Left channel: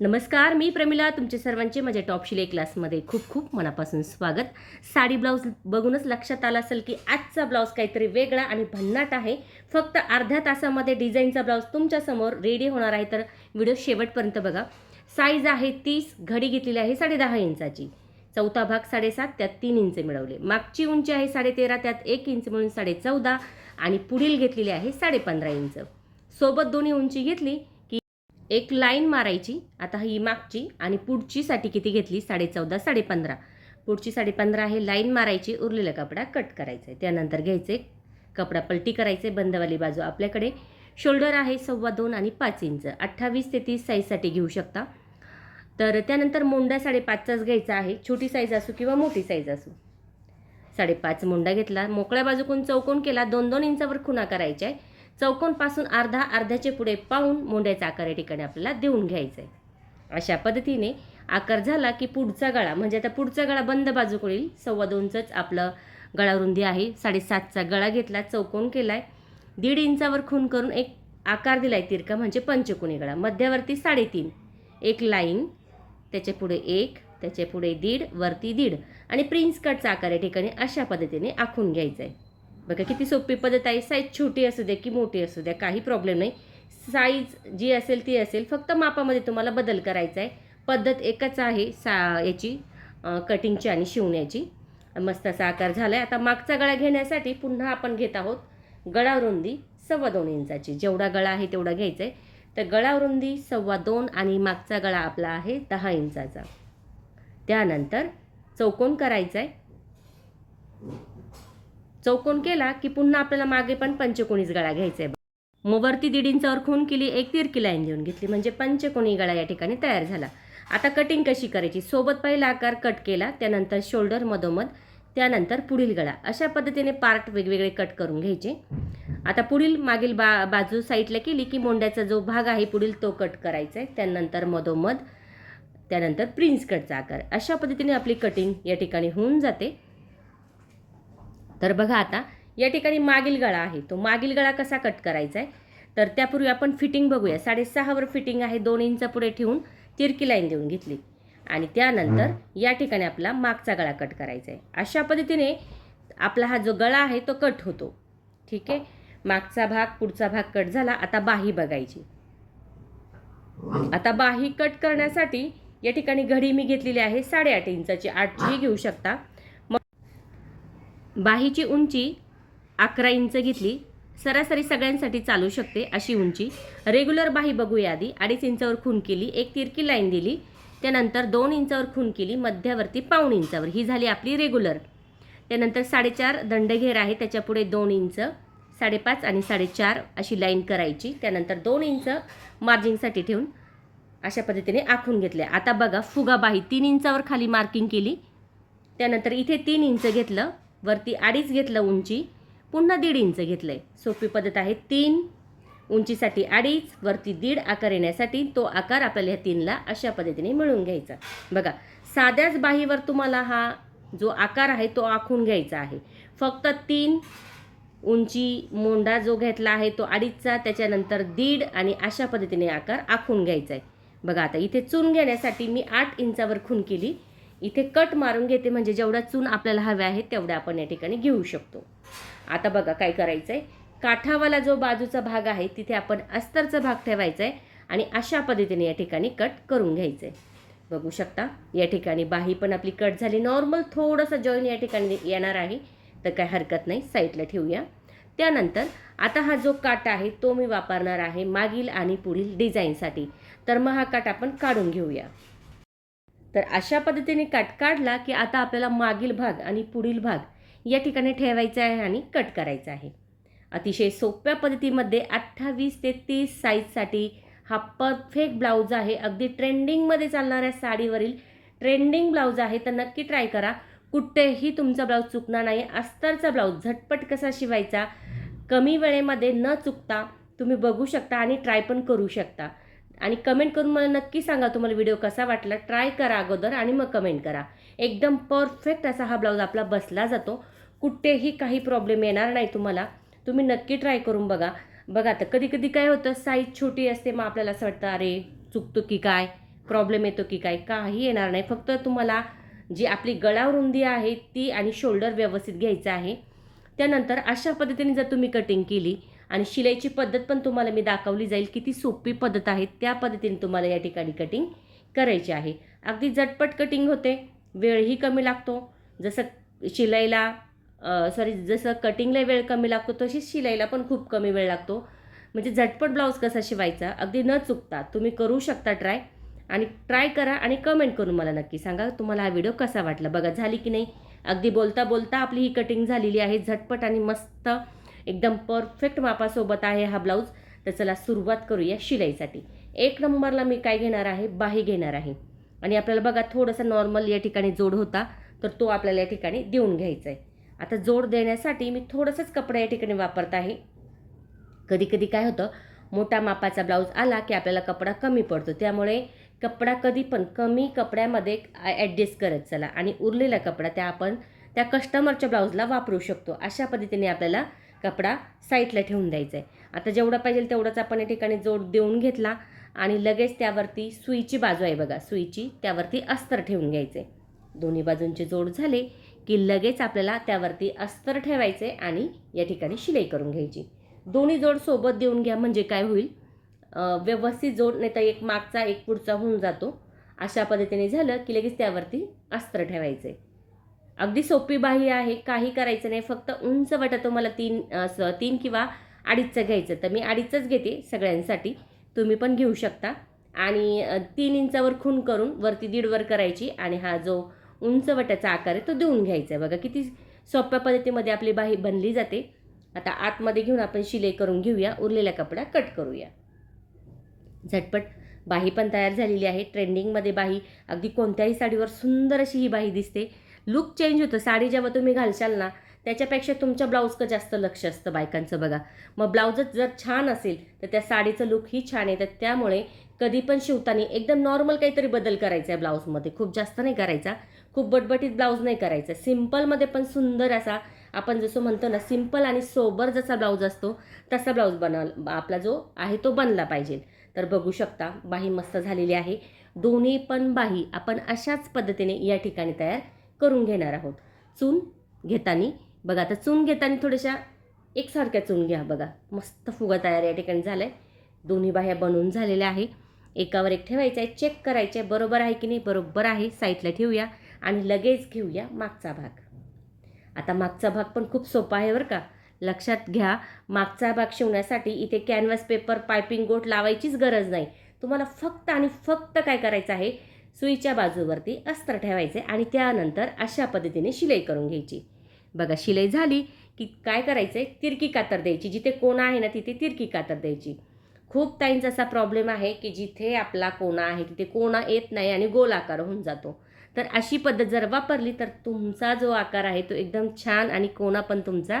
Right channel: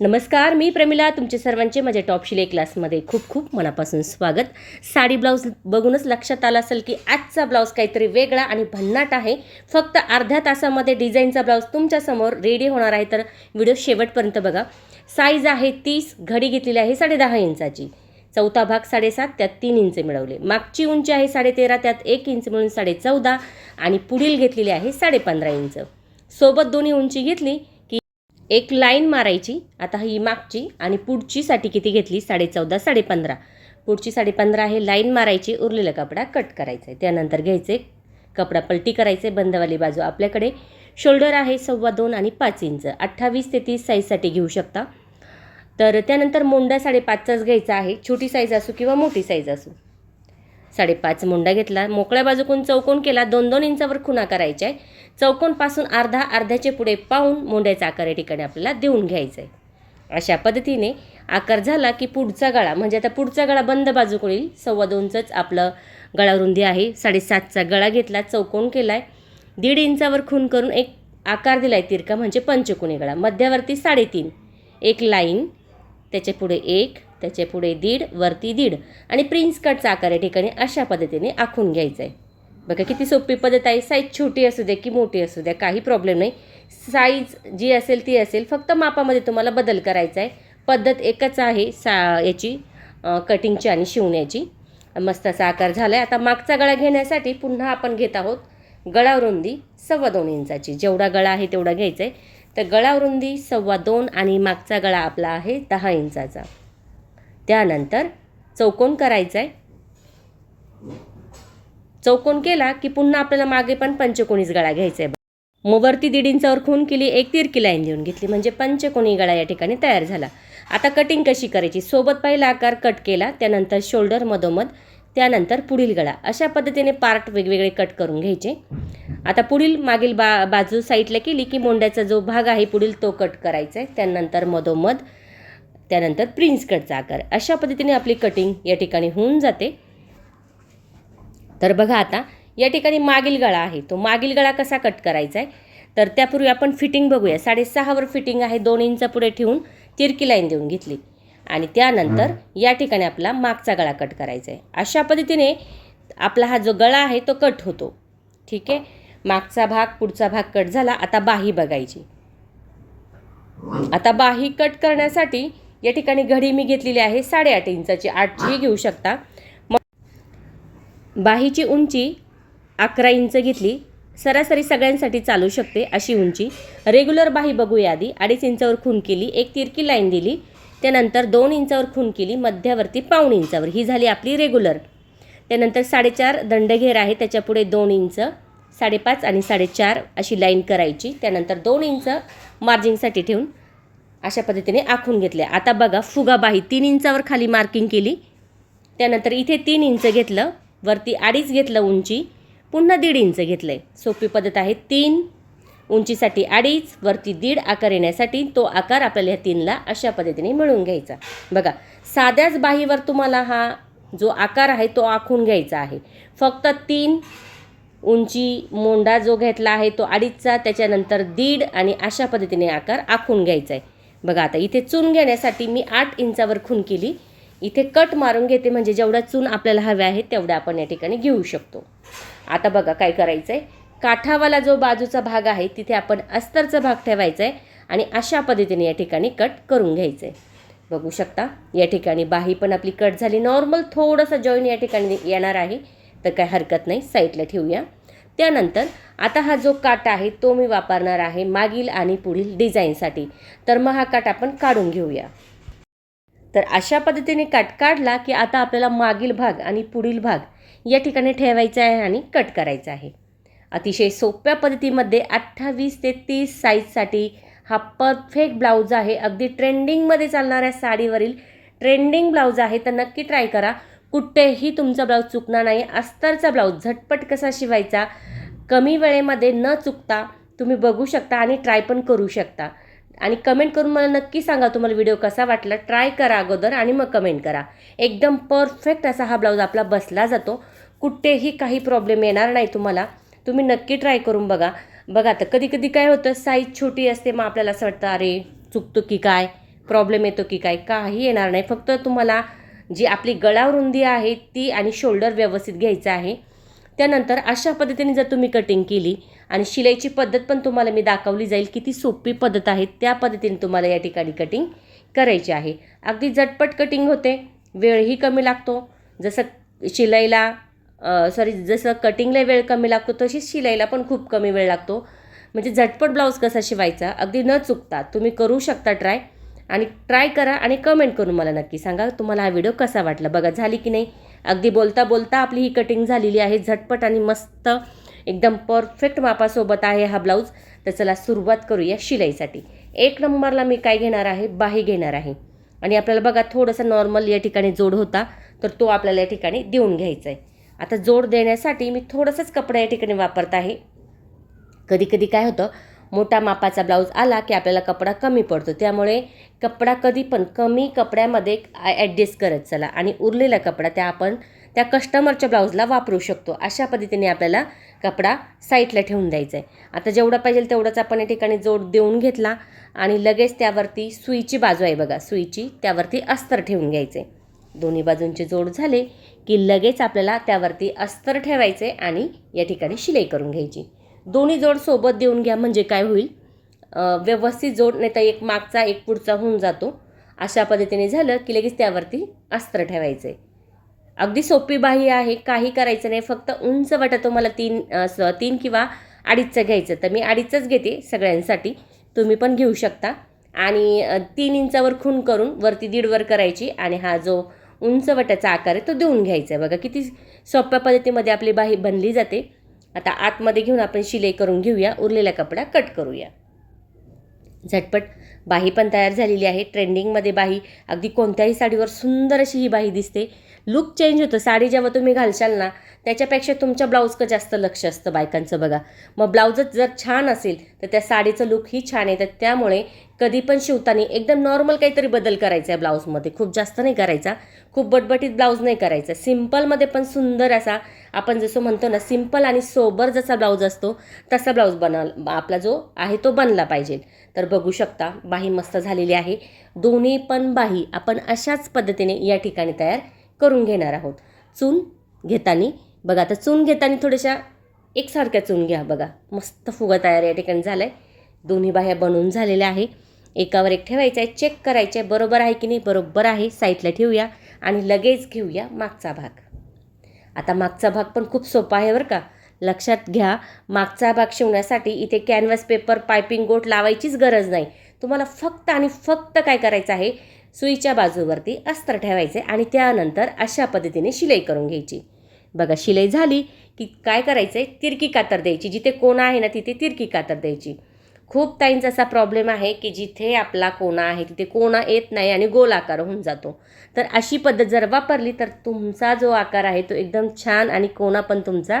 नमस्कार, मी प्रमिला. तुमचे सर्वांचे माझ्या टॉप शिलाई क्लासमध्ये खूप खूप मनापासून स्वागत. साडी ब्लाऊज बघूनच लक्षात आलं असेल की आजचा ब्लाऊज काहीतरी वेगळा आणि भन्नाट आहे. फक्त अर्ध्या तासामध्ये डिझाईनचा ब्लाऊज तुमच्यासमोर रेडी होणार आहे, तर व्हिडिओ शेवटपर्यंत बघा. साईज आहे 30, घडी घेतलेली आहे 10.5 इंचाची. चौथा भाग 7.5, त्यात 3 इंच मिळवले. मागची उंची आहे 13.5, त्यात 1 इंच मिळून 14.5 आणि पुढील घेतलेली आहे 15.5 इंच. सोबत दोन्ही उंची घेतली एक लाईन मारायची. आता ही मागची आणि पुढची साठी किती घेतली 14.5 15.5. पुढची 15.5 आहे, लाईन मारायची. उरलेला कपडा कट करायचा आहे. त्यानंतर घ्यायचे कपडा पलटी करायचे. बंदवाली बाजू आपल्याकडे. शोल्डर आहे 2.25 आणि 5 इंच. 28 ते 30 साईजसाठी घेऊ शकता. तर त्यानंतर मोंडा 5.5चाच घ्यायचा आहे. छोटी साईज असो किंवा मोठी साईज असो. 5.5 मोंडा घेतला. मोकळ्या बाजूकडून चौकोन केला. 2-2 इंचावर खुणा करायच्या आहे. चौकोनपासून अर्ध्याचे पुढे पाहून मोंड्याचा आकार या ठिकाणी आपल्याला देऊन घ्यायचा आहे. अशा पद्धतीने आकार झाला की पुढचा गळा, म्हणजे आता पुढचा गळा बंद बाजूकडे येईल. 2.25च आपलं गळा रुंदी आहे. 7.5चा गळा घेतला, चौकोन केला आहे. 1.5 इंचावर खून करून एक आकार दिला आहे तिरका, म्हणजे पंचकोनी गळा. मध्यावरती 3.5, एक लाईन, त्याच्या पुढे 1, त्याच्या पुढे 1.5, वरती 1.5 आणि प्रिन्स कटचा आकार या ठिकाणी अशा पद्धतीने आखून घ्यायचा आहे. बघा किती सोपी पद्धत आहे. साईज छोटी असू दे की मोठी असू द्या, काही प्रॉब्लेम नाही. साईज जी असेल ती असेल, फक्त मापामध्ये तुम्हाला बदल करायचा आहे. पद्धत एकच आहे याची कटिंगची आणि शिवण्याची. मस्त असा आकार झाला आहे. आता मागचा गळा घेण्यासाठी पुन्हा आपण घेत आहोत गळा रुंदी 2.25 इंचाची. जेवढा गळा आहे तेवढा घ्यायचा आहे. तर गळा रुंदी 2.25 आणि मागचा गळा आपला आहे 10 इंचाचा. त्यानंतर चौकोन करायचा आहे. चौकोन केला की पुन्हा आपल्याला मागे पण पंचकोनीच गळा घ्यायचा आहे. मग वरती 1.5 इंचावर खून केली, एक तिरकी लाईन देऊन घेतली, म्हणजे पंचकोनी गळा या ठिकाणी तयार झाला. आता कटिंग कशी करायची? सोबत पहिला आकार कट केला, त्यानंतर शोल्डर मधोमध, त्यानंतर पुढील गळा. अशा पद्धतीने पार्ट वेगवेगळे कट करून घ्यायचे. आता पुढील मागील बाजू साईडला केली की मोंड्याचा जो भाग आहे पुढील तो कट करायचा आहे. त्यानंतर मधोमध, त्यानंतर प्रिन्स कटचा आकार. अशा पद्धतीने आपली कटिंग या ठिकाणी होऊन जाते. तर बघा आता या ठिकाणी मागील गळा आहे, तो मागील गळा कसा कट करायचा आहे, तर त्यापूर्वी आपण फिटिंग बघूया. 6.5वर फिटिंग आहे. 2 इंच पुढे ठेवून तिरकी लाईन देऊन घेतली आणि त्यानंतर या ठिकाणी आपला मागचा गळा कट करायचा आहे. अशा पद्धतीने आपला हा जो गळा आहे तो कट होतो. ठीक आहे. मागचा भाग पुढचा भाग कट झाला. आता बाही बघायची. आता बाही कट करण्यासाठी या ठिकाणी घडी मी घेतलेली आहे 8.5 इंचाची. 8ची घेऊ शकता. बाहीची उंची 11 इंच घेतली. सरासरी सगळ्यांसाठी चालू शकते अशी उंची. रेग्युलर बाही बघूया आधी. 2.5 इंचावर खून केली, एक तिरकी लाईन दिली, त्यानंतर 2 इंचावर खून केली, मध्यावरती 1.5 इंचावर. ही झाली आपली रेग्युलर. त्यानंतर 4.5 दंडघेर आहे, त्याच्यापुढे 2 इंच, 5.5 आणि 4.5 अशी लाईन करायची. त्यानंतर 2 इंच मार्जिंगसाठी ठेवून अशा पद्धतीने आखून घेतले. आता बघा फुगा बाही 3 इंचावर खाली मार्किंग केली. त्यानंतर इथे 3 इंच घेतलं, वरती 2.5 घेतलं उंची, पुन्हा 1.5 इंच घेतलं आहे. सोपी पद्धत आहे. 3 उंचीसाठी 2.5, वरती 1.5 आकार येण्यासाठी तो आकार आपल्याला ह्या 3ला अशा पद्धतीने मिळवून घ्यायचा. बघा साध्याच बाहीवर तुम्हाला हा जो आकार आहे तो आखून घ्यायचा आहे. फक्त 3 उंची मोंडा जो घेतला आहे तो 2.5चा, त्याच्यानंतर 1.5 आणि अशा पद्धतीने आकार आखून घ्यायचा आहे. बघा आता इथे चून घेण्यासाठी मी 8 इंचावर खून केली. इथे कट मारून घेते, म्हणजे जेवढा चून आपल्याला हवे आहे तेवढा आपण या ठिकाणी घेऊ शकतो. आता बघा काय करायचं आहे. काठावाला जो बाजूचा भाग आहे तिथे आपण अस्तरचा भाग ठेवायचा आहे आणि अशा पद्धतीने या ठिकाणी कट करून घ्यायचं आहे. बघू शकता या ठिकाणी बाही पण आपली कट झाली. नॉर्मल थोडंसं जॉईन या ठिकाणी येणार आहे, तर काय हरकत नाही, साईडला ठेवूया. त्यानंतर आता हा जो काठ आहे तो मी वापरणार आहे मागील आणि पुढील डिझाईनसाठी. तर मग हा काठ आपण काढून घेऊया. तर अशा पद्धतीने काठ काढला की आता आपल्याला मागील भाग आणि पुढील भाग या ठिकाणी ठेवायचा आहे आणि कट करायचा आहे. अतिशय सोप्या पद्धतीमध्ये 28 ते 30 साईजसाठी हा परफेक्ट ब्लाऊज आहे. अगदी ट्रेंडिंगमध्ये चालणाऱ्या साडीवरील ट्रेंडिंग ब्लाऊज आहे. तर नक्की ट्राय करा. कुठेही तुमचा ब्लाऊज चुकणार नाही. अस्तरचा ब्लाऊज झटपट कसा शिवायचा, कमी वेळेमध्ये न चुकता तुम्ही बघू शकता आणि ट्राय पण करू शकता. आणि कमेंट करून मला नक्की सांगा तुम्हाला व्हिडिओ कसा वाटला. ट्राय करा अगोदर आणि मग कमेंट करा. एकदम परफेक्ट असा हा ब्लाऊज आपला बसला जातो. कुठेही काही प्रॉब्लेम येणार नाही तुम्हाला. तुम्ही नक्की ट्राय करून बघा. बघा आता कधी कधी काय होतं, साईज छोटी असते, मग आपल्याला असं वाटतं अरे चुकतो की काय, प्रॉब्लेम येतो की काय, काही येणार नाही. फक्त तुम्हाला जी आपली गळा रुंदी आहे ती आणि शोल्डर व्यवस्थित घ्यायचं आहे. त्यानंतर अशा पद्धतीने जर तुम्ही कटिंग केली आणि शिलाईची पद्धत पण तुम्हाला मी दाखवली जाईल, किती सोपी पद्धत आहे, त्या पद्धतीने तुम्हाला या ठिकाणी कटिंग करायची आहे. अगदी झटपट कटिंग होते, वेळही कमी लागतो. जसं शिलाईला जसं कटिंगला वेळ कमी लागतो तशीच शिलाईला पण खूप कमी वेळ लागतो. म्हणजे झटपट ब्लाऊज कसा शिवायचा अगदी न चुकता तुम्ही करू शकता ट्राय. आणि ट्राय करा आणि कमेंट करून मला नक्की सांगा तुम्हाला हा व्हिडिओ कसा वाटला. बघा झाली की नाही, अगदी बोलता बोलता आपली ही कटिंग झालेली आहे. झटपट आणि मस्त एकदम परफेक्ट मापासोबत आहे हा ब्लाऊज. तर चला सुरुवात करूया शिलाईसाठी. 1 नंबरला मी काय घेणार आहे, बाही घेणार आहे. आणि आपल्याला बघा थोडासा नॉर्मल या ठिकाणी जोड होता, तर तो आपल्याला या ठिकाणी देऊन घ्यायचा आहे. आता जोड देण्यासाठी मी थोडंसंच कपडा या ठिकाणी वापरत आहे. कधी कधी काय होतं, मोठा मापाचा ब्लाऊज आला की आपल्याला कपडा कमी पडतो. त्यामुळे कपडा कधी पण कमी कपड्यामध्ये ॲडजस्ट करत चला आणि उरलेला कपडा आपण त्या कस्टमरच्या ब्लाऊजला वापरू शकतो. अशा पद्धतीने आपल्याला कपडा साईडला ठेवून द्यायचा आहे. आता जेवढा पाहिजे तेवढाच आपण या ठिकाणी जोड देऊन घेतला आणि लगेच त्यावरती सुईची बाजू आहे बघा, सुईची त्यावरती अस्तर ठेवून घ्यायचे. दोन्ही बाजूंचे जोड झाले की लगेच आपल्याला त्यावरती अस्तर ठेवायचे आणि या ठिकाणी शिलाई करून घ्यायची. दोन्ही जोड सोबत देऊन घ्या, म्हणजे काय होईल, व्यवस्थित जोड, नाही तर एक मागचा एक पुढचा होऊन जातो. अशा पद्धतीने झालं की लगेच त्यावरती अस्तर ठेवायचे. अगदी सोपी बाही आहे, काही करायचं नाही. फक्त उंच वाटा तुम्हाला 3 किंवा 2.5चं घ्यायचं, तर मी 2.5च घेते सगळ्यांसाठी, तुम्ही पण घेऊ शकता. आणि 3 इंचावर खून करून वरती 1.5 वर करायची आणि हा जो उंच वाट्याचा आकार आहे तो देऊन घ्यायचा आहे. बघा किती सोप्या पद्धतीमध्ये आपली बाही बनली जाते. आता आतमध्ये घेऊन आपण शिलाई करून घेऊया, उरलेला कपडा कट करूया. झटपट बाही पण तयार झालेली आहे. ट्रेंडिंगमध्ये बाही, अगदी कोणत्याही साडीवर सुंदर अशी ही बाही दिसते. लुक चेंज होतं. साडी जेव्हा तुम्ही घालशाल ना, त्याच्यापेक्षा तुमच्या ब्लाऊजचं जास्त लक्ष असतं बायकांचं बघा. मग ब्लाऊजच जर छान असेल तर त्या साडीचं लुकही छान येतं. त्यामुळे कधी पण शिवताना एकदम नॉर्मल काहीतरी बदल करायचा आहे ब्लाऊजमध्ये, खूप जास्त नाही करायचा, खूप बटबटीत ब्लाऊज नाही करायचा. सिम्पलमध्ये पण सुंदर असा, आपण जसं म्हणतो ना, सिम्पल आणि सोबर जसा ब्लाऊज असतो तसा ब्लाऊज आपला जो आहे तो बनला पाहिजे. तर बघू शकता बाही मस्त झालेली आहे. दोन्ही पण बाही आपण अशाच पद्धतीने या ठिकाणी तयार करून घेणार आहोत. चून घेताना बघा, आता चून घेताना थोड्याशा एकसारख्या चून घ्या. बघा मस्त फुगा तयार या ठिकाणी झाला आहे. दोन्ही बाह्या बनवून झालेल्या आहे. एकावर एक ठेवायचं आहे, चेक करायचे बरोबर आहे की नाही. बरोबर आहे, साईडला ठेवूया आणि लगेच घेऊया मागचा भाग. आता मागचा भाग पण खूप सोपा आहे बरं का. लक्षात घ्या, मागचा भाग शिवण्यासाठी इथे कॅनव्हास पेपर, पायपिंग गोट लावायचीच गरज नाही. तुम्हाला फक्त आणि फक्त काय करायचं आहे, सुईच्या बाजूवरती अस्तर ठेवायचे आणि त्यानंतर अशा पद्धतीने शिलाई करून घ्यायची. बघा शिलाई झाली की काय करायचं आहे, तिरकी कातर द्यायची. जिथे कोणा आहे ना तिथे तिरकी कातर द्यायची. खूप ताईंचा असा प्रॉब्लेम आहे की जिथे आपला कोणा आहे तिथे कोणा येत नाही आणि गोल आकार होऊन जातो. तर अशी पद्धत जर वापरली तर तुमचा जो आकार आहे तो एकदम छान आणि कोणा पण तुमचा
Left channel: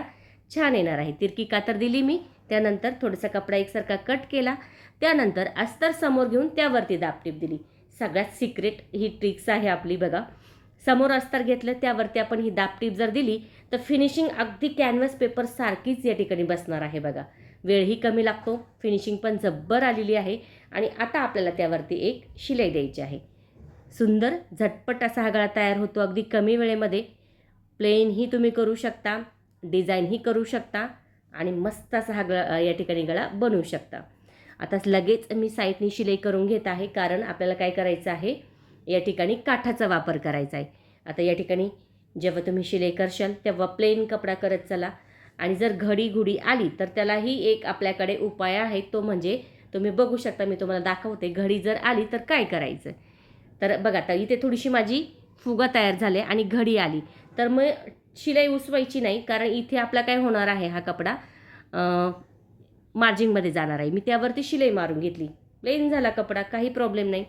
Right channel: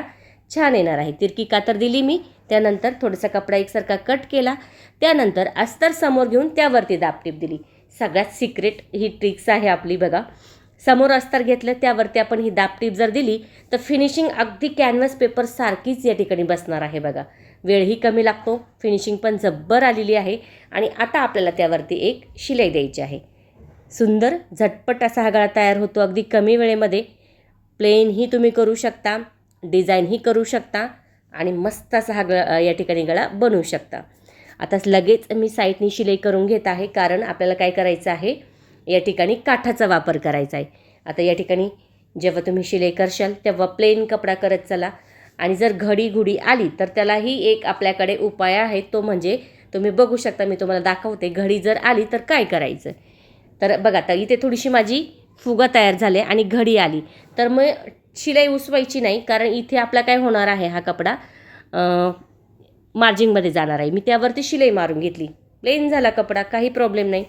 छान येणार आहे. तिरकी कातर दिली मी, त्यानंतर थोडासा कपडा एकसारखा कट केला, त्यानंतर अस्तर समोर घेऊन त्यावरती दाबटीप दिली. सगळ्यात सिक्रेट ही ट्रिक्स आहे आपली बघा. समोर अस्तर घेतलं, त्यावरती आपण ही दाबटीप जर दिली तर फिनिशिंग अगदी कॅनव्हास पेपर सारखीच या ठिकाणी बसणार आहे बघा. वेळही कमी लागतो, फिनिशिंग पण जब्बर आलेली आहे. आणि आता आपल्याला त्यावरती एक शिलाई द्यायची आहे. सुंदर झटपट असा हा गळा तयार होतो अगदी कमी वेळेमध्ये. प्लेनही तुम्ही करू शकता, डिझाईनही करू शकता आणि मस्त असा हा या ठिकाणी गळा बनवू शकता. आता लगेच मी साईडनी शिलाई करून घेत आहे, कारण आपल्याला काय करायचं आहे, या ठिकाणी काठाचा वापर करायचा आहे. आता या ठिकाणी जेव्हा तुम्ही शिलाई करशाल तेव्हा प्लेन कपडा करत चला. आणि जर घडी घुडी आली तर त्यालाही एक आपल्याकडे उपाय आहे, तो म्हणजे तुम्ही बघू शकता, मी तुम्हाला दाखवते. घडी जर आली तर काय करायचं, तर बघा आता इथे थोडीशी माझी फुगा तयार झाले आणि घडी आली तर मग शिलाई उसवायची नाही, कारण इथे आपला काय होणार आहे, हा कपडा मार्जिंगमध्ये जाणार आहे. मी त्यावरती शिलाई मारून घेतली, प्लेन झाला कपडा, काही प्रॉब्लेम नाही.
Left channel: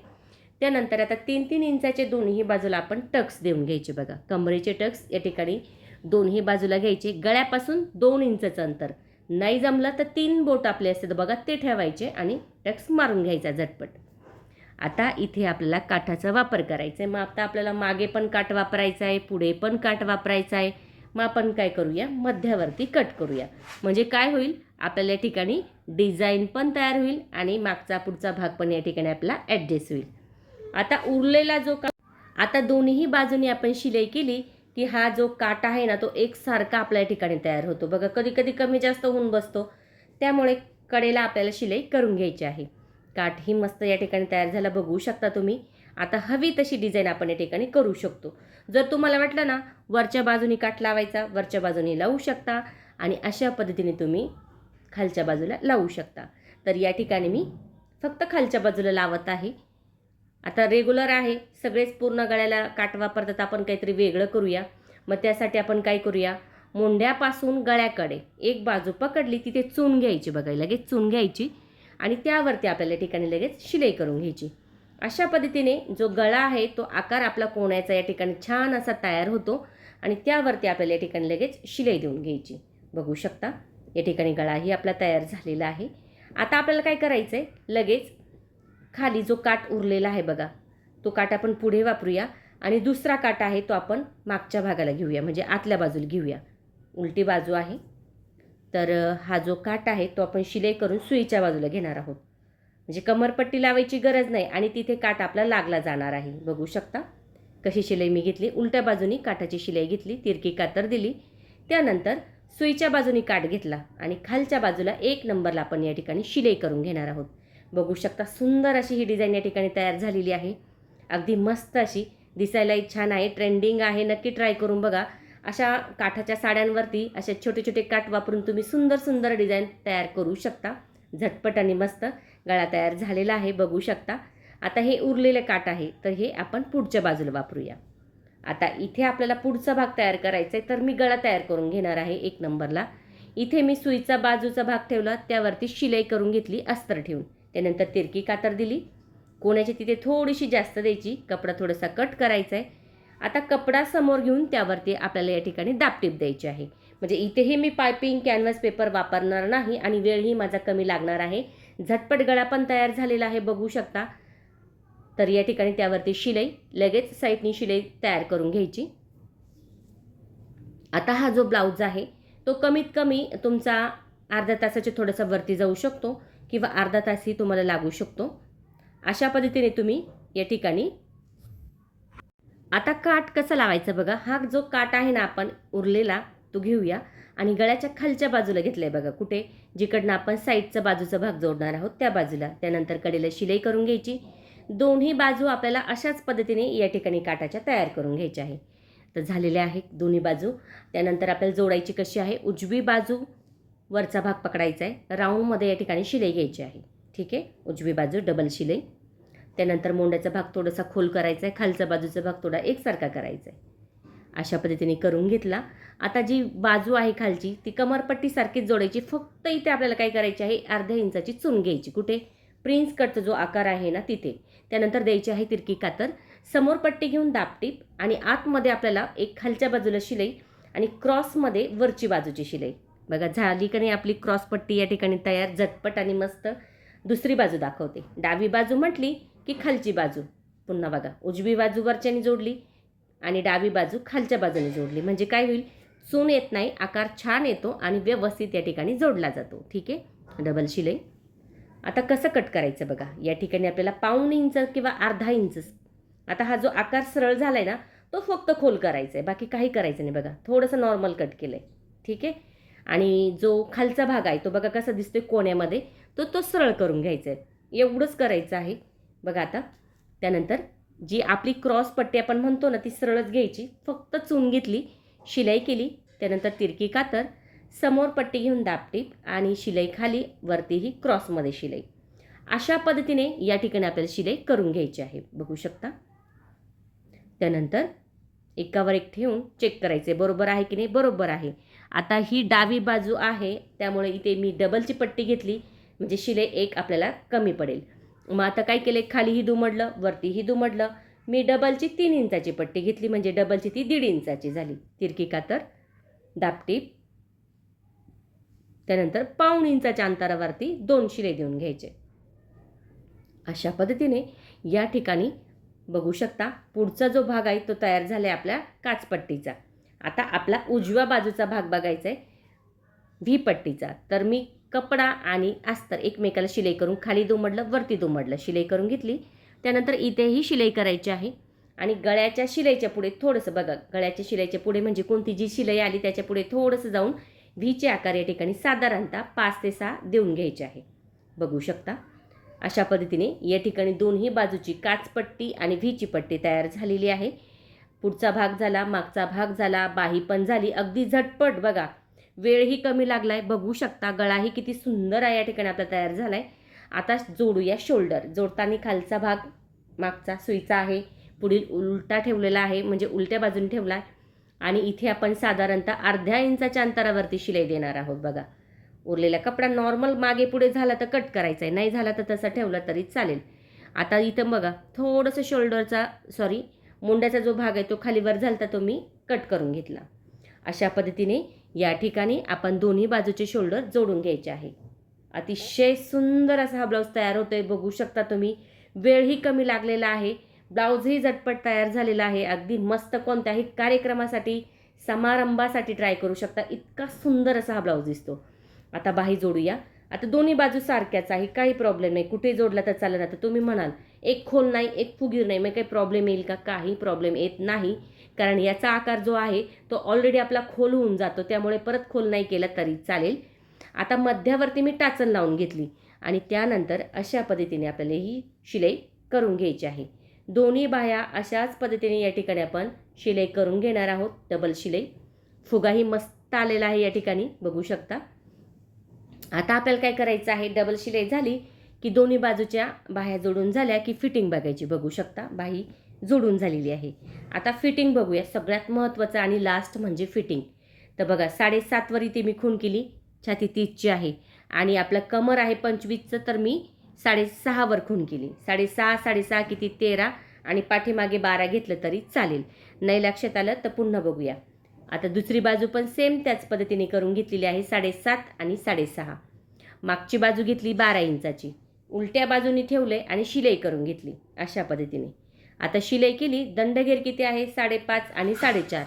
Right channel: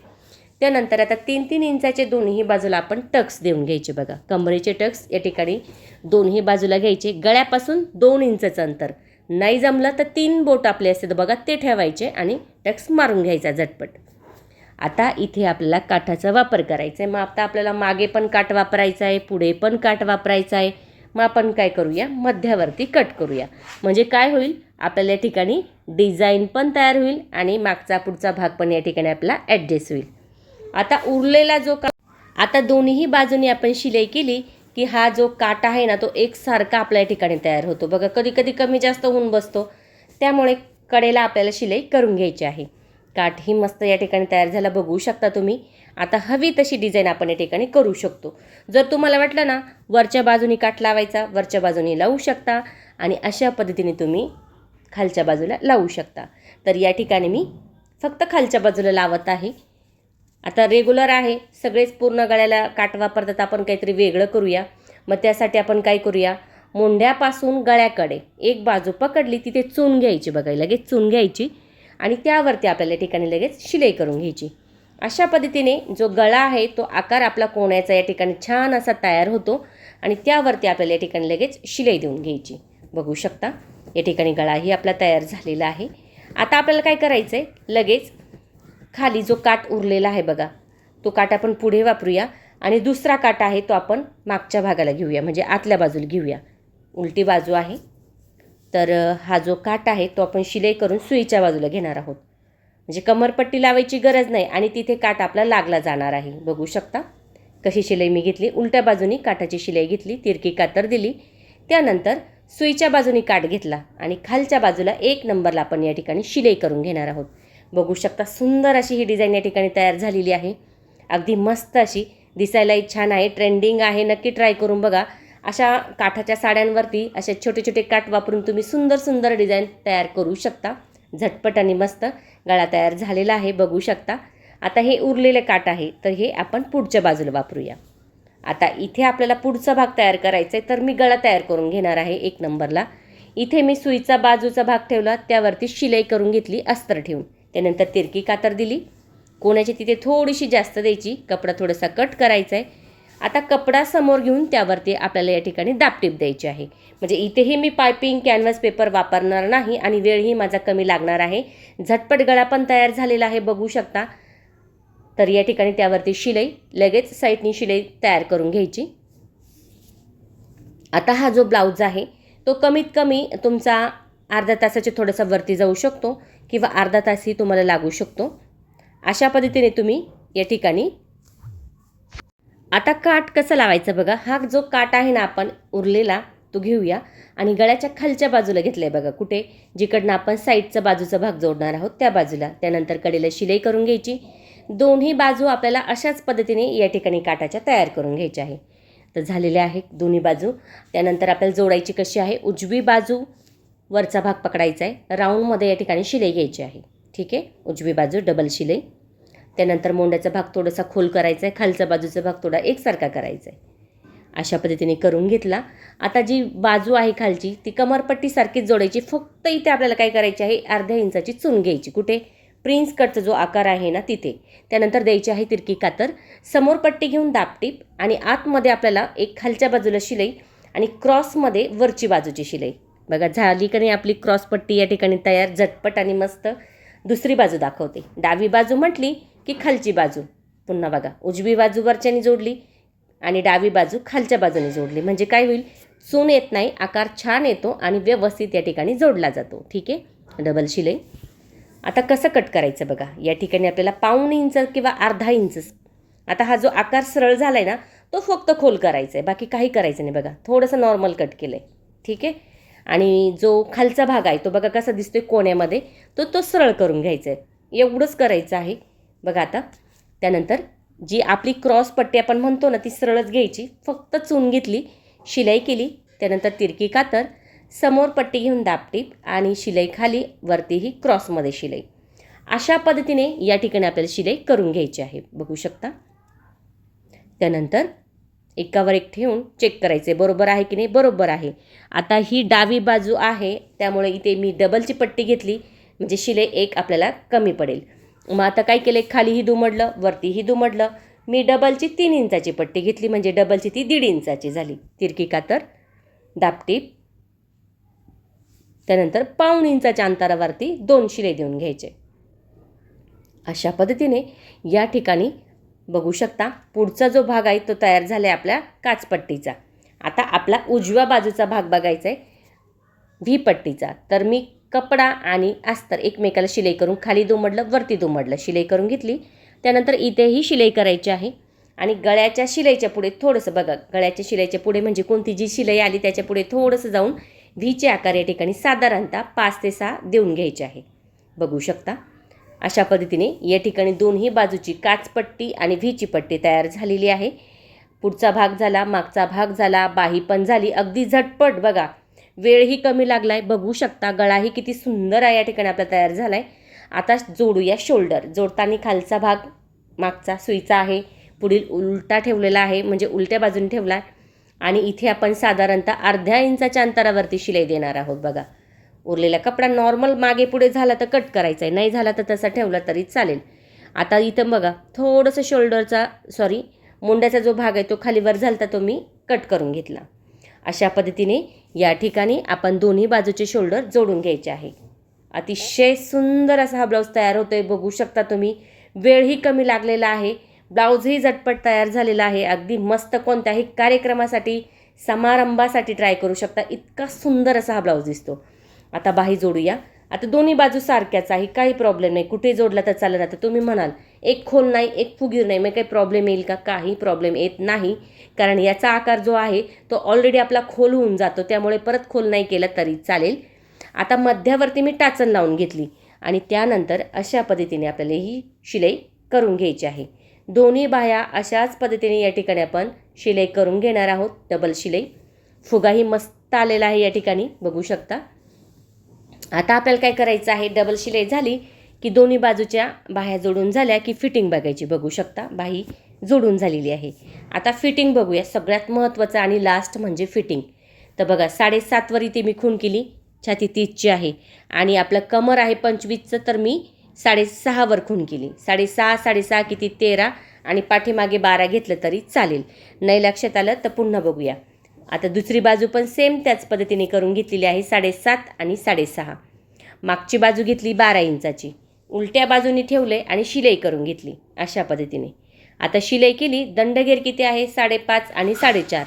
त्यानंतर आता 3-3 इंचाचे दोन्ही बाजूला आपण टक्स देऊन घ्यायचे बघा. कमरेचे टक्स या ठिकाणी दोन्ही बाजूला घ्यायचे. गळ्यापासून 2 इंचचं अंतर, नाही जमलं तर 3 बोट आपले असते बघा ते ठेवायचे आणि टक्स मारून घ्यायचा झटपट. आता इथे आपल्याला काठाचा वापर करायचा आहे. मग आता आपल्याला मागे पण काठ वापरायचा आहे, पुढे पण काठ वापरायचा आहे. मग आपण काय करूया, मध्यावरती कट करूया. म्हणजे काय होईल, आपल्याला या ठिकाणी डिझाईन पण तयार होईल आणि मागचा पुढचा भाग पण या ठिकाणी आपला ॲडजस्ट होईल. आता उरलेला जो आता दोन्ही बाजूनी आपण शिलाई केली की हा जो काट आहे ना तो एकसारखा आपल्या ठिकाणी तयार होतो बघा. कधी कधी कमी जास्त होऊन बसतो, त्यामुळे कडेला आपल्याला शिलाई करून घ्यायची आहे. काठही मस्त या ठिकाणी तयार झाला बघू शकता तुम्ही. आता हवी तशी डिझाईन आपण या ठिकाणी करू शकतो. जर तुम्हाला वाटलं ना वरच्या बाजूनी काठ लावायचा, वरच्या बाजूनी लावू शकता आणि अशा पद्धतीने तुम्ही खालच्या बाजूला लावू शकता. तर या ठिकाणी मी फक्त खालच्या बाजूला लावत आहे. आता रेग्युलर आहे, सगळेच पूर्ण गळ्याला काठ वापरतात, आपण काहीतरी वेगळं करूया. मग त्यासाठी आपण काय करूया, मुंड्यापासून गळ्याकडे एक बाजू पकडली तिथे चून घ्यायची बघा, लगेच चून घ्यायची आणि त्यावरती आपल्याला ठिकाणी लगेच शिलाई करून घ्यायची. अशा पद्धतीने जो गळा आहे तो आकार आपला कोण्याचा या ठिकाणी छान असा तयार होतो आणि त्यावरती आपल्याला या ठिकाणी लगेच शिलाई देऊन घ्यायची. बघू शकता या ठिकाणी गळाही आपला तयार झालेला आहे. आता आपल्याला काय करायचं आहे, लगेच खाली जो काठ उरलेला आहे बघा तो काठ आपण पुढे वापरूया आणि दुसरा काठ आहे तो आपण मागच्या भागाला घेऊया, म्हणजे आतल्या बाजूला घेऊया. उलटी बाजू आहे तर हा जो काठ आहे तो आपण शिलाई करून सुईच्या बाजूला घेणार आहोत, म्हणजे कमरपट्टी लावायची गरज नाही आणि तिथे काठ आपला लागला जाणार आहे. बघू शकता कशी शिलाई मी घेतली. उलट्या बाजूनी काठाची शिलाई घेतली, तिरकी कातर दिली, त्यानंतर सुईच्या बाजूनी काठ घेतला आणि खालच्या बाजूला 1 नंबरला आपण या ठिकाणी शिलाई करून घेणार आहोत. बघू शकता सुंदर अशी ही डिझाईन या ठिकाणी तयार झालेली आहे. अगदी मस्त अशी दिसायलाही छान आहे, ट्रेंडिंग आहे. नक्की ट्राय करून बघा. अशा काठाच्या साड्यांवरती असे छोटे छोटे काठ वापरून तुम्ही सुंदर सुंदर डिझाईन तयार करू शकता. झटपट आणि मस्त गळा तयार झालेला आहे बघू शकता. आता हे उरलेले काठ आहे तर हे आपण पुढच्या बाजूला वापरूया. आता इथे आपल्याला पुढचा भाग तयार करायचा आहे तर मी गळा तयार करून घेणार आहे 1 नंबरला. इथे मी सुईचा बाजूचा भाग ठेवला, त्यावरती शिलाई करून घेतली अस्तर ठेवून, त्यानंतर तिरकी कातर दिली. कोणाची तिथे थोडीशी जास्त द्यायची, कपडा थोडासा कट करायचा आहे. आता कपडा समोर घेऊन त्यावरती आपल्याला या ठिकाणी दाबटीप द्यायची आहे, म्हणजे इथेही मी पायपिंग कॅनव्हास पेपर वापरणार नाही आणि वेळही माझा कमी लागणार आहे. झटपट गळा पण तयार झालेला आहे बघू शकता. तर या ठिकाणी त्यावरती शिलाई लगेच साईडनी शिलाई तयार करून घ्यायची. आता हा जो ब्लाऊज आहे तो कमीत कमी तुमचा अर्धा तासाच्या थोडासा वरती जाऊ शकतो किंवा अर्धा तासही तुम्हाला लागू शकतो. अशा पद्धतीने तुम्ही या ठिकाणी आता काठ कसं लावायचं बघा. हा जो काठ आहे ना आपण उरलेला तो घेऊया आणि गळ्याच्या खालच्या बाजूला घेतलं आहे बघा, कुठे जिकडनं आपण साईडचा बाजूचा भाग जोडणार आहोत त्या बाजूला. त्यानंतर कडेला शिलाई करून घ्यायची. दोन्ही बाजू आपल्याला अशाच पद्धतीने या ठिकाणी काठाच्या तयार करून घ्यायच्या आहे. तर झालेल्या आहेत दोन्ही बाजू. त्यानंतर आपल्याला जोडायची कशी आहे, उजवी बाजू वरचा भाग पकडायचा आहे, राऊंडमध्ये या ठिकाणी शिलाई घ्यायची आहे. ठीक आहे, उजवी बाजू डबल शिलाई. त्यानंतर मोंड्याचा भाग थोडासा खोल करायचा आहे, खालचा बाजूचा भाग थोडा एकसारखा करायचा आहे. अशा पद्धतीने करून घेतला. आता जी बाजू आहे खालची ती कमरपट्टीसारखीच जोडायची. फक्त इथे आपल्याला काय करायची आहे, अर्ध्या इंचाची चून घ्यायची, कुठे प्रिन्स कटचा जो आकार आहे ना तिथे. त्यानंतर द्यायची आहे तिरकी कातर, समोर पट्टी घेऊन दाबटीप आणि आतमध्ये आपल्याला एक खालच्या बाजूला शिलाई आणि क्रॉसमध्ये वरची बाजूची शिलाई. बघा झाली का नाही आपली क्रॉस पट्टी या ठिकाणी तयार, झटपट आणि मस्त. दुसरी बाजू दाखवते. डावी बाजू म्हटली की खालची बाजू पुन्हा बघा, उजवी बाजू वरच्याने जोडली आणि डावी बाजू खालच्या बाजूने जोडली, म्हणजे काय होईल, चून येत नाही, आकार छान येतो आणि व्यवस्थित या ठिकाणी जोडला जातो. ठीक आहे, डबल शिलाई. आता कसं कट करायचं बघा. या ठिकाणी आपल्याला 1.5 इंच किंवा अर्धा इंच. आता हा जो आकार सरळ झाला आहे ना तो फक्त खोल करायचा आहे, बाकी काही करायचं नाही बघा. थोडंसं नॉर्मल कट केलं आहे. ठीक आहे, आणि जो खालचा भाग आहे तो बघा कसा दिसतोय कोण्यामध्ये, तो सरळ करून घ्यायचा आहे. एवढंच करायचं आहे बघा. आता त्यानंतर जी आपली क्रॉस पट्टी आपण म्हणतो ना ती सरळच घ्यायची, फक्त चून घेतली, शिलाई केली, त्यानंतर तिरकी कातर, समोर पट्टी घेऊन दाबटीप आणि शिलाई खाली, वरतीही क्रॉसमध्ये शिलाई. अशा पद्धतीने या ठिकाणी आपल्याला शिलाई करून घ्यायची आहे बघू शकता. त्यानंतर एकावर एक ठेवून चेक करायचे बरोबर आहे की नाही, बरोबर आहे. आता ही डावी बाजू आहे त्यामुळे इथे मी डबलची पट्टी घेतली, म्हणजे शिलाई एक आपल्याला कमी पडेल. मग आता काय केलं, खालीही दुमडलं वरतीही दुमडलं. मी डबलची 3 इंचाची पट्टी घेतली, म्हणजे डबलची ती 1.5 इंचाची झाली. तिरकी कातर, दाबटीप, त्यानंतर 1.5 इंचाच्या अंतरावरती 2 शिलाई देऊन घ्यायचे. अशा पद्धतीने या ठिकाणी बघू शकता पुढचा जो भाग आहे तो तयार झाला आहे आपल्या काचपट्टीचा. आता आपला उजव्या बाजूचा भाग बघायचा आहे व्ही पट्टीचा. तर मी कपडा आणि अस्तर एकमेकाला शिलाई करून खाली दुमडलं वरती दुमडलं, शिलाई करून घेतली त्यानंतर इथेही शिलाई करायची आहे आणि गळ्याच्या शिलाईच्या पुढे थोडंसं बघा, गळ्याच्या शिलाईच्या पुढे म्हणजे कोणती जी शिलाई आली त्याच्या पुढे थोडंसं जाऊन व्हीचे आकार या ठिकाणी साधारणतः 5 ते 6 देऊन घ्यायचे आहे. बघू शकता अशा पद्धतीने या ठिकाणी दोन्ही बाजूची काचपट्टी आणि व्हीची पट्टी तयार झालेली आहे. पुढचा भाग झाला, मागचा भाग झाला, बाही पण झाली. अगदी झटपट बघा, वेळही कमी लागलाय. बघू शकता गळाही किती सुंदर आहे या ठिकाणी आपला तयार झालाय. आता जोडूया शोल्डर. जोडताना खालचा भाग मागचा सुईचा आहे, पुढील उलटा ठेवलेला आहे म्हणजे उलट्या बाजूने ठेवला आणि इथे आपण साधारणतः अर्ध्या इंचाच्या अंतरावरती शिलाई देणार आहोत. बघा, उरलेला कपडा नॉर्मल मागे पुढे झाला तर कट करायचा आहे, नाही झाला तर तसा ठेवला तरी चालेल. आता इथं बघा थोडंसं शोल्डरचा मुंड्याचा जो भाग आहे तो खालीवर झाला तो मी कट करून घेतला. अशा पद्धतीने या ठिकाणी आपण दोन्ही बाजूचे शोल्डर जोडून घ्यायचे आहे. अतिशय सुंदर असा हा ब्लाऊज तयार होतोय. बघू शकता तुम्ही, वेळही कमी लागलेला आहे, ब्लाऊजही झटपट तयार झालेला आहे. अगदी मस्त कोणत्याही कार्यक्रमासाठी समारंभासाठी ट्राय करू शकता. इतका सुंदर असा हा ब्लाऊज दिसतो. आता बाही जोडूया. आता दोन्ही बाजू सारख्याच आहे, काही प्रॉब्लेम नाही. कुठे जोडला तर चालेल. आता तुम्ही म्हणाल एक खोल नाही एक फुगीर नाही, मग काही प्रॉब्लेम येईल का? काही प्रॉब्लेम येत नाही, कारण याचा आकार जो आहे तो ऑलरेडी आपला खोल होऊन जातो, त्यामुळे परत खोल नाही केला तरी चालेल. आता मध्यावरती मी टाचन लावून घेतली आणि त्यानंतर अशा पद्धतीने आपल्याला ही शिलाई करून घ्यायची आहे. दोन्ही बाह्या अशाच पद्धतीने या ठिकाणी आपण शिलाई करून घेणार आहोत. डबल शिलाई, फुगाही मस्त आलेला आहे या ठिकाणी बघू शकता. आता आपल्याला काय करायचं आहे, डबल शिलाई झाली की दोन्ही बाजूच्या बाह्या जोडून झाल्या की फिटिंग बघायची. बघू शकता बाही जोडून झालेली आहे. आता फिटिंग बघूया. सगळ्यात महत्त्वाचं आणि लास्ट म्हणजे फिटिंग. तर बघा 7.5 वर इथे मी खूण केली, छाती 30ची आहे आणि आपलं कमर आहे 25चं, तर मी 6.5 वर खूण केली. 6.5 किती 13 आणि पाठीमागे 12 घेतलं तरी चालेल. नाही लक्षात आलं तर पुन्हा बघूया. आता दुसरी बाजू पण सेम त्याच पद्धतीने करून घेतलेली आहे. 7.5 आणि 6.5. मागची बाजू घेतली 12 इंचाची, उलट्या बाजूने ठेवले आणि शिलाई करून घेतली अशा पद्धतीने. आता शिलाई केली. दंडघेर किती आहे 5.5 आणि 4.5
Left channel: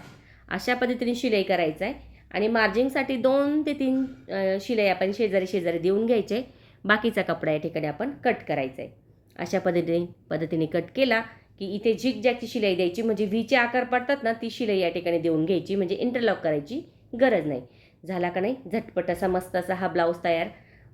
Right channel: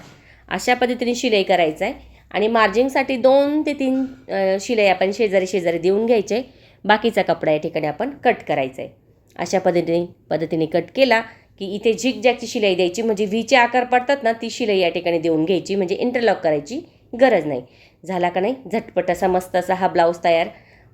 अशा पद्धतीने शिलाई करायचं आहे आणि मार्जिंगसाठी 2 ते 3 शिलाई आपण शेजारी देऊन घ्यायचे. बाकीचा कपडा या ठिकाणी आपण कट करायचा आहे. अशा पद्धतीने कट केला की इथे झिगझॅगची शिलाई द्यायची, म्हणजे व्हीचे आकार पडतात ना, ती शिलाई या ठिकाणी देऊन घ्यायची, म्हणजे इंटरलॉक करायची गरज नाही. झाला का नाही झटपट असा मस्त असा हा ब्लाऊज तयार.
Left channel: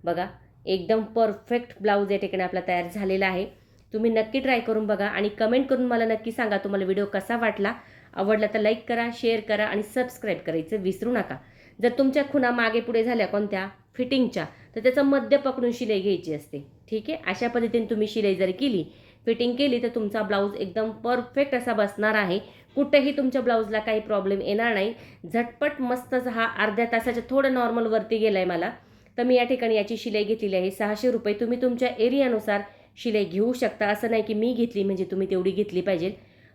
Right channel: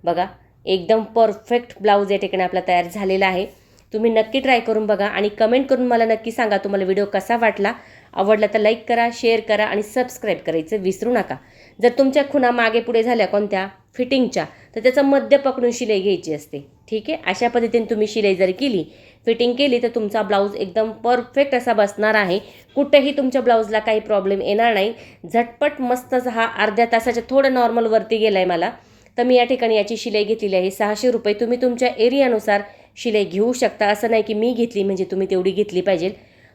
बघा एकदम परफेक्ट ब्लाऊज या ठिकाणी आपला तयार झालेला आहे. तुम्ही नक्की ट्राय करून बघा आणि कमेंट करून मला नक्की सांगा तुम्हाला व्हिडिओ कसा वाटला. आवडला तर लाईक करा, शेअर करा आणि सबस्क्राईब करायचं विसरू नका. जर तुमच्या खुणा मागे पुढे झाल्या कोणत्या फिटिंगच्या, तर त्याचं मध्य पकडून शिलाई घ्यायची असते. ठीक आहे, अशा पद्धतीने तुम्ही शिलाई जर केली, फिटिंग केली, तर तुमचा ब्लाऊज एकदम परफेक्ट असा बसणार आहे. कुठेही तुमच्या ब्लाऊजला काही प्रॉब्लेम येणार नाही. झटपट मस्त हा अर्ध्या तासाच्या थोडं नॉर्मलवरती गेला आहे मला, तर मी या ठिकाणी याची शिलाई घेतलेली आहे 600 रुपये. तुम्ही तुमच्या एरियानुसार शिलाई घेऊ शकता. असं नाही की मी घेतली म्हणजे तुम्ही तेवढी घेतली पाहिजे.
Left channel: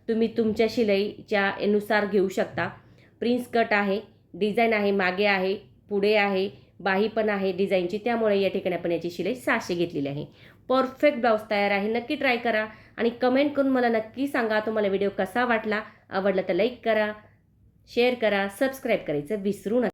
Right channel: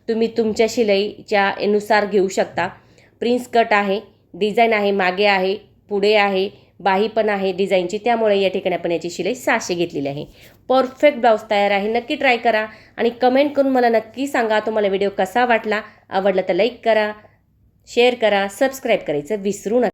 तुम्ही तुमच्या शिलाईच्या नुसार घेऊ शकता. प्रिन्स कट आहे, डिझाईन आहे, मागे आहे, पुढे आहे, बाही पण आहे डिझाईनची, त्यामुळे या ठिकाणी आपण याची शिलाई 600 घेतलेली आहे. परफेक्ट ब्लाऊज तयार आहे. नक्की ट्राय करा आणि कमेंट करून मला नक्की सांगा तुम्हाला व्हिडिओ कसा वाटला. आवडला तर लाईक करा, शेअर करा, सबस्क्राईब करायचं विसरू नका.